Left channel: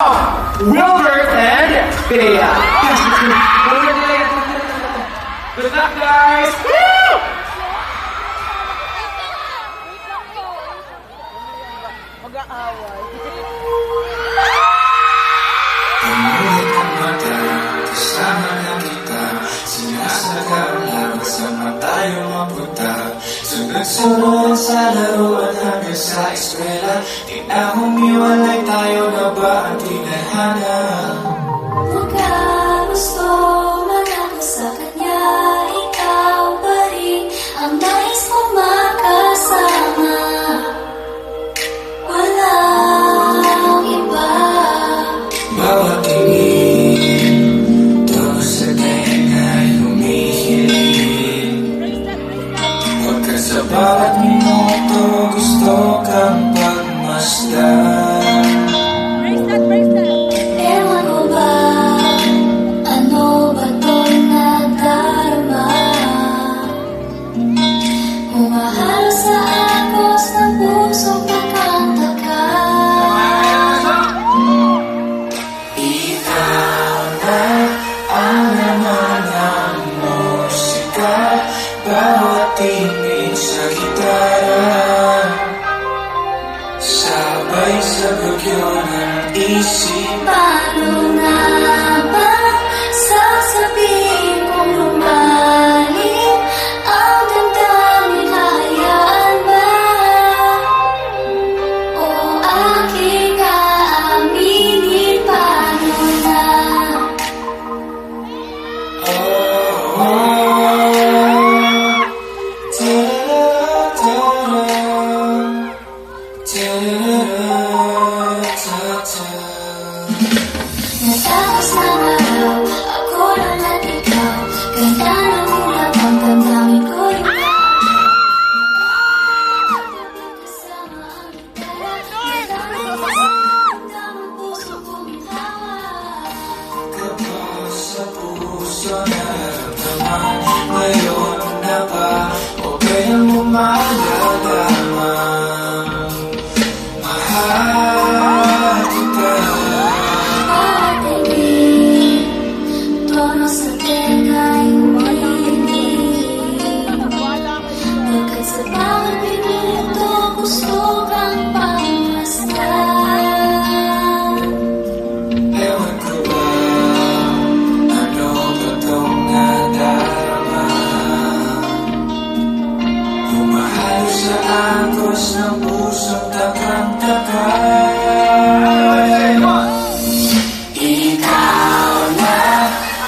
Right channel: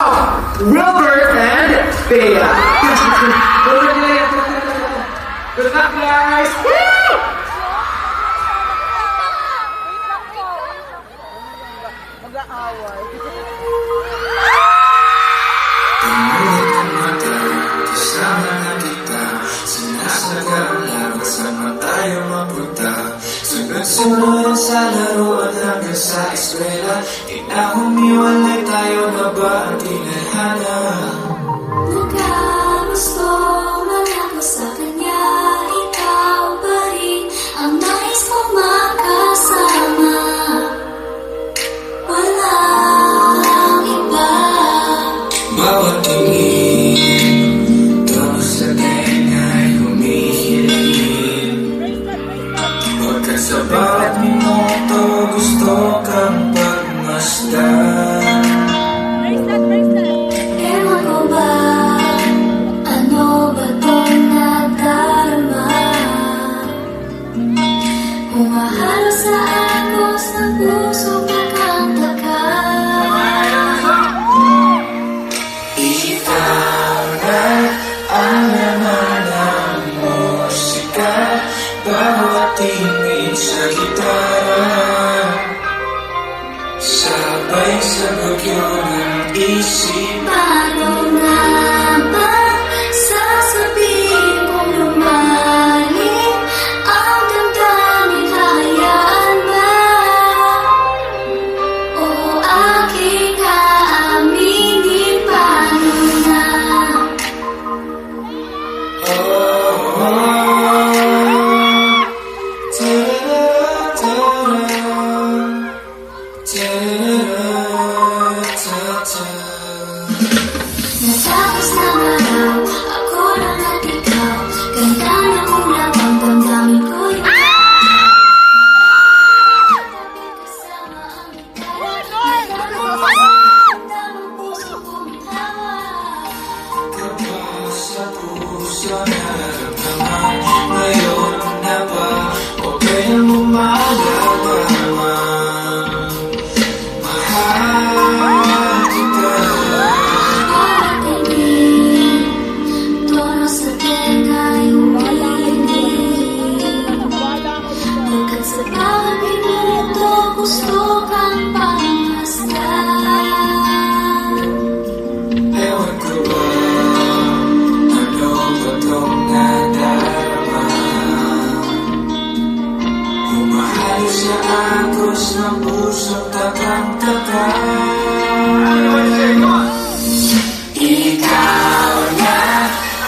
Wilbert and Bea. Good luck, guys! Woo! Mag-aaway. Kasama na kita, sinasagal laro sama tayo mapunta. Sunod-sunod sa laro at hanggang sa eskwela. Di na humiwalay tayo na ba ang kinahana? Magkagusto man ako sa kanya, ikaw pa rin ang nais kong makasama. Walang iba. Bawat tingin, tono sa tena'y humihiling. Pagkat sa bawat minuto, gusto kang pagmasdan. Ewan ko ba, ano ba itong nadarama? Humahalo sa agos ng puso pagkantaka. Ikaw na ang laman ng musika, bawat tingin sa gitara, sabay sa bagyo ng isip. Paano nga ba sasabihin kung lumalim ang damdamin, hayaan ba? O aking aaminin, paano na? Oh, oh, Natapos na araw, ako lang at ikaw. Ganda ng ulap ang damdamin ko kasama ang gitara. Ang puso kong hawak. kapag sa puso nararamdaman, ngayon na ba o kaya mo malalaman? Mahal kita. Bawat tingin, tono sa tena'y humihiling. Pagkat sa bawat minuto, gusto kang pagmasdan. Ewan ko ba, ano ba itong nadarama? Humahalo sa agos ng pusong takang-taka. Ikaw na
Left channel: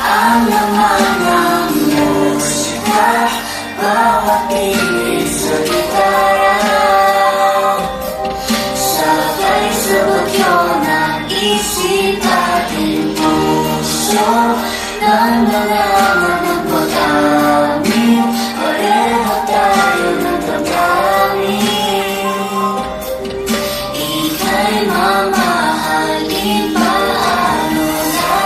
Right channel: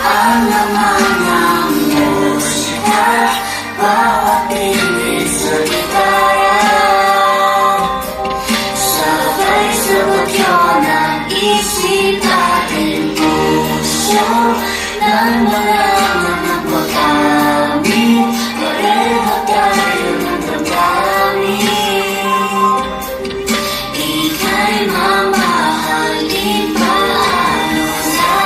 ang laman ng musika, bawat tinig sa gitara, sabay sa bagyo ng isip ating puso, nang malangan ng pag-amin, pareho tayo ng damdamin. Ika'y mamahalin, paano na?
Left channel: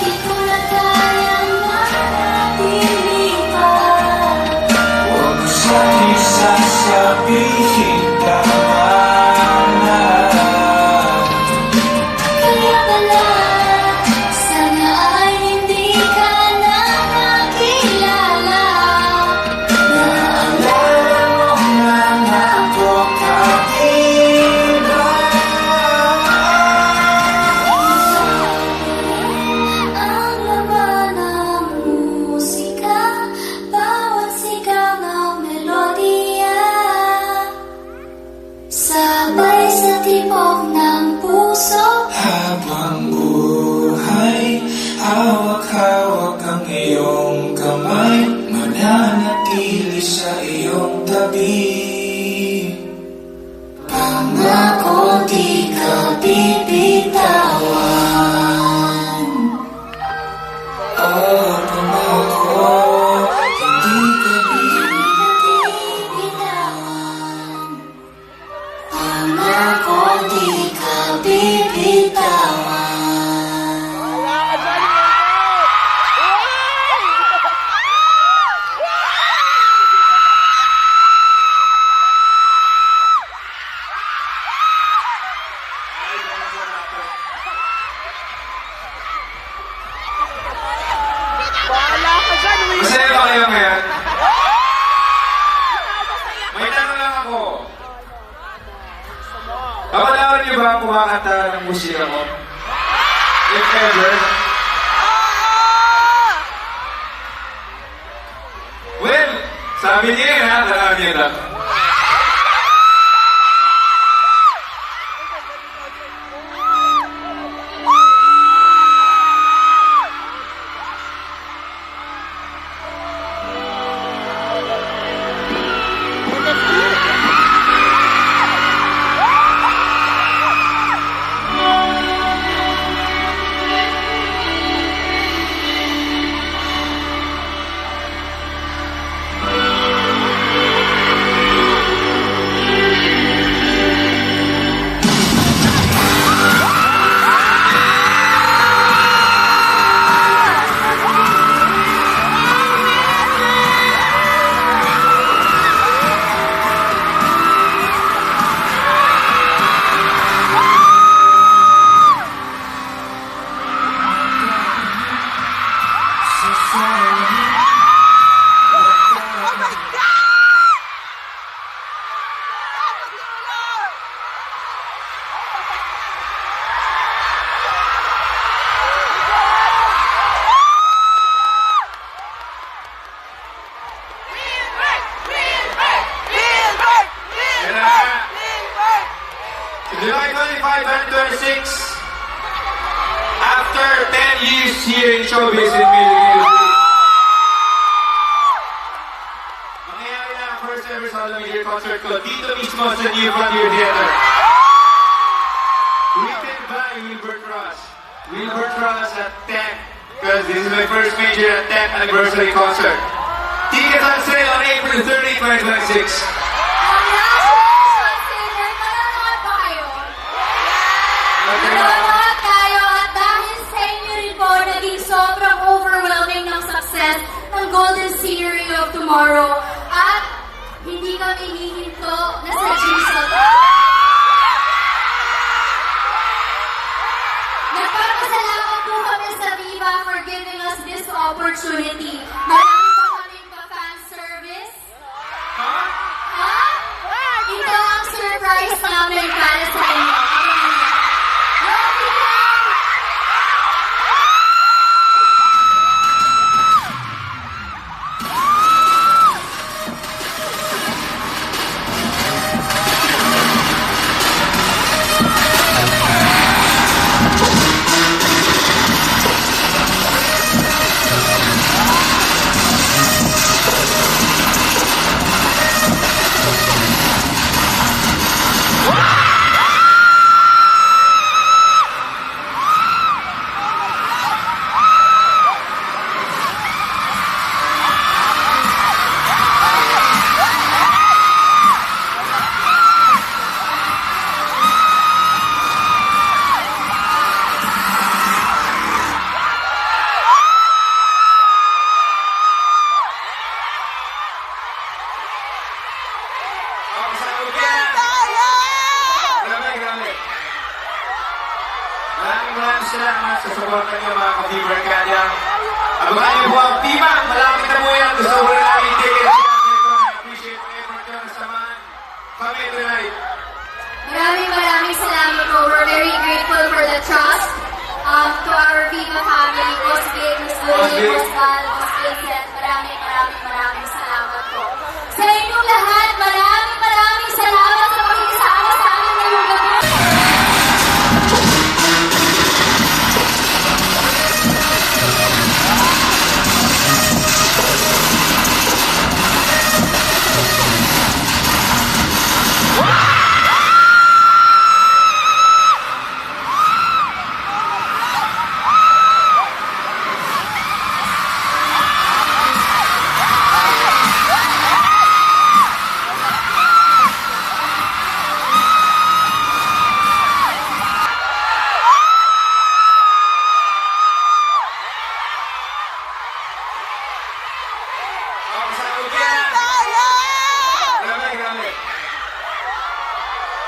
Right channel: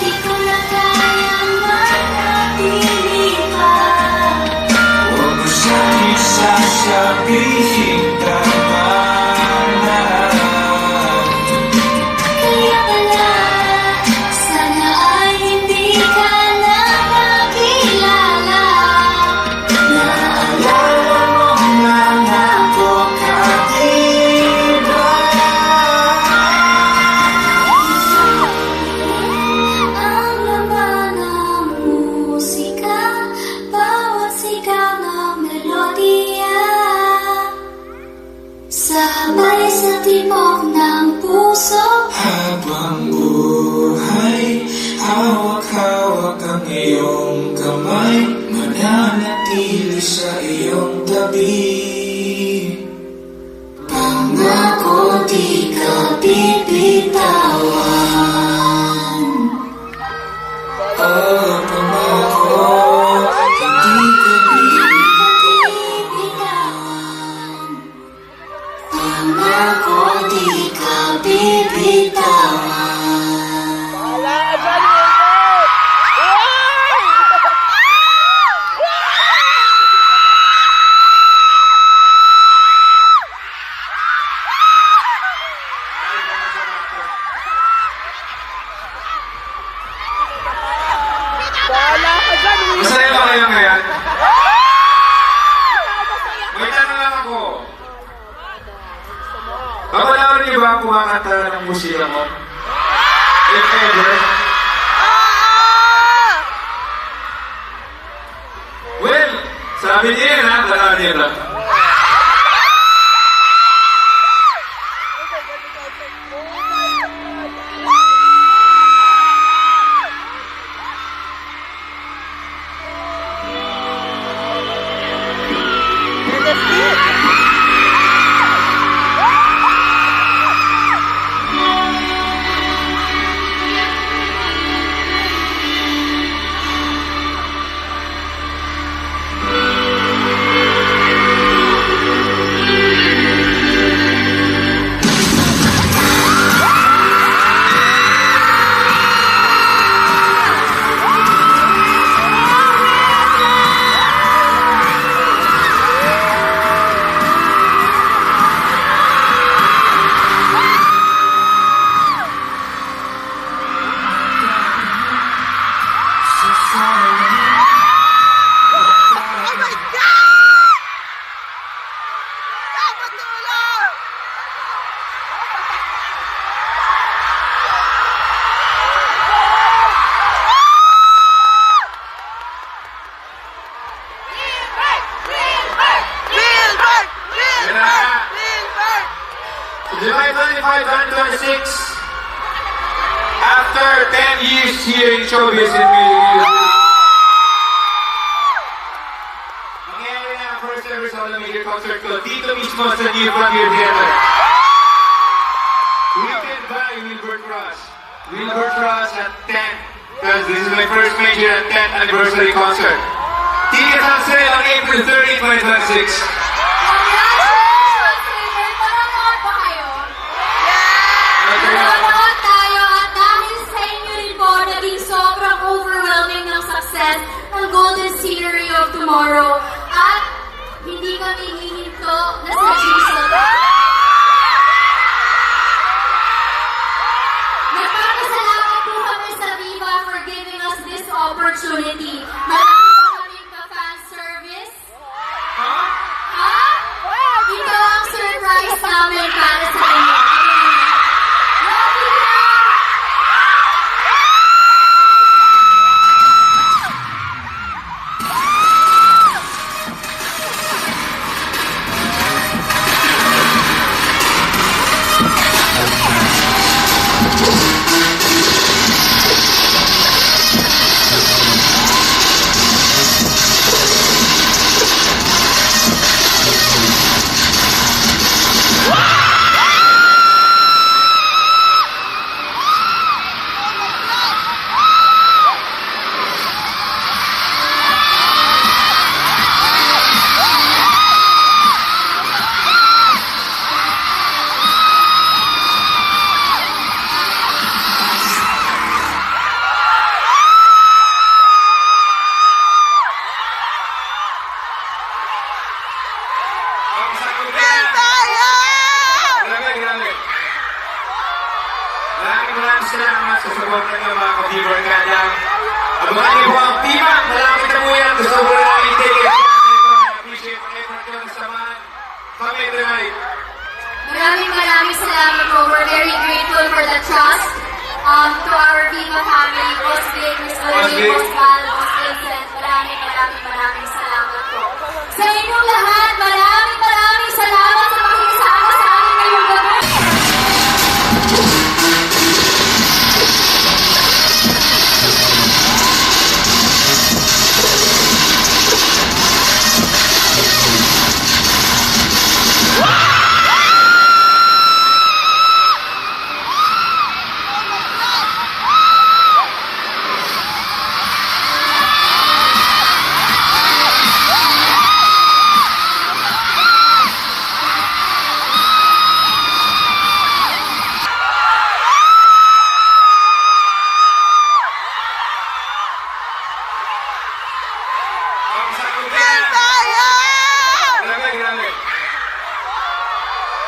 Di ko na kayang manatili pa. Huwag mo sa'kin sasabihin tama na. Kaya pala, sana ay hindi ka na makilala. Naalala mo na ako kanina. Ang laman ng musika, bawat sigaw ng melodiya, sabay sa tibok ng puso. Habang buhay, hawak-hawak ang iyong kamay, mananatili sa iyong tabi. Pangako di ka bibitawan. Oh, pangako, hindi ka Bitawan. Pangako di ka bibitawan. Wala ka dyan, Wilbert! Uy! kayo ngayon? May tanong lang ako. Kamalawin niyo ba ang kumakanta ng musika mo? If ever? Well, sabi niya yan ha, alam niya lang. July 25, 2026, after 10 years here in showbiz in Philippines, mangyayari na ang first ever solo media concert ko dito mismo sa New Frontier Theater. Written by Wilbur Cross. Wilbur Cross at 10, because this is my first major 10th anniversary concert. Tickets on sale on April 30, 2026. Salamat tayo at dahil sa inyo rin po, naging sobrang overwhelming ng success ng Golden Scenery of Tomorrow. At hindi kami hihinto na sa Jason. Nagpapasalamat po kami sa Viva for giving us this opportunity. Marami pa kaming ka-fan service. Ha? Ito ang surprise namin para sa inyo. Maraming salamat sa support nyo mga ka-Viber kanya. Abangan niyo po ang Viva. Malapit na mo yan. Gusto ko na namin tickets. Appreciate the effort nyo na samahan kami tonight. Maraming salamat po. We're very grateful for the trust to our Viva family, Boss Vic, Miss Lily, Boss Val, Boss Vincent. Maraming salamat po. Sa inyong lahat, maraming salamat sa pakikisama sa amin ngayong gabi.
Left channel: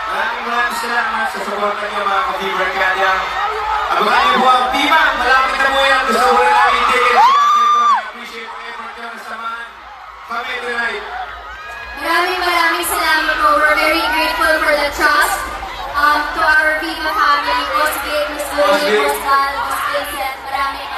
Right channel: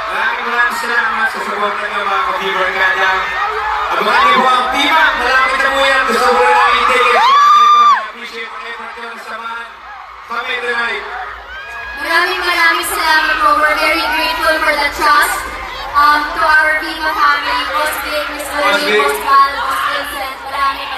Maraming salamat sa support nyo mga ka-Viber kanya. Abangan niyo po ang Viva. Malapit na mo yan. Gusto ko na namin tickets. Appreciate the effort nyo na samahan tonight. Maraming salamat po. We're very grateful for the trust. To our Viva family, Boss Vic, Miss Lily, Boss Val, Boss Vincent, maraming